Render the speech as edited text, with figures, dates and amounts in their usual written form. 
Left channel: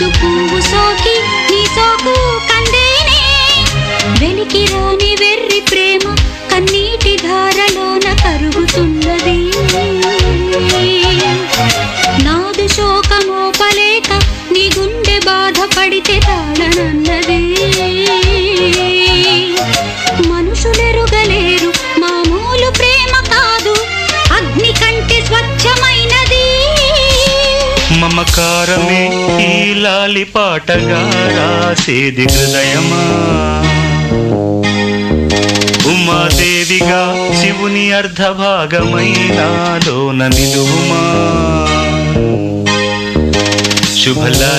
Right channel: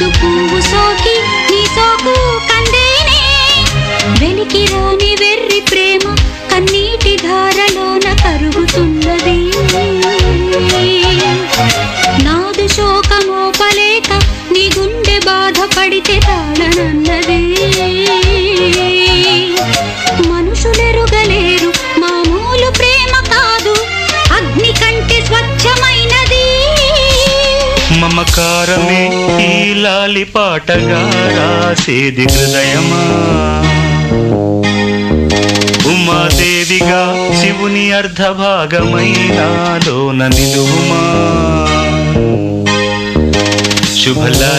మోదు పువ్వు సోకి నీ సోకు కందేనే వెలికి రాని వెర్రి ప్రేమ కన్నీటి ధారలోన కరుగుతున్నది నాదు శోకమోపలేక నీ గుండె బాధపడితే తాళనన్నది మనసులెరుగలేరు మామూలు ప్రేమ కాదు అగ్ని కంటే స్వచ్ఛమైనది మమకారమే ఈ లాలి పాటగా రాసేది హృదయమా ఉమాదేవిగా శివుని అర్ధభాగమైనాలోన నిలువుమా శుభలా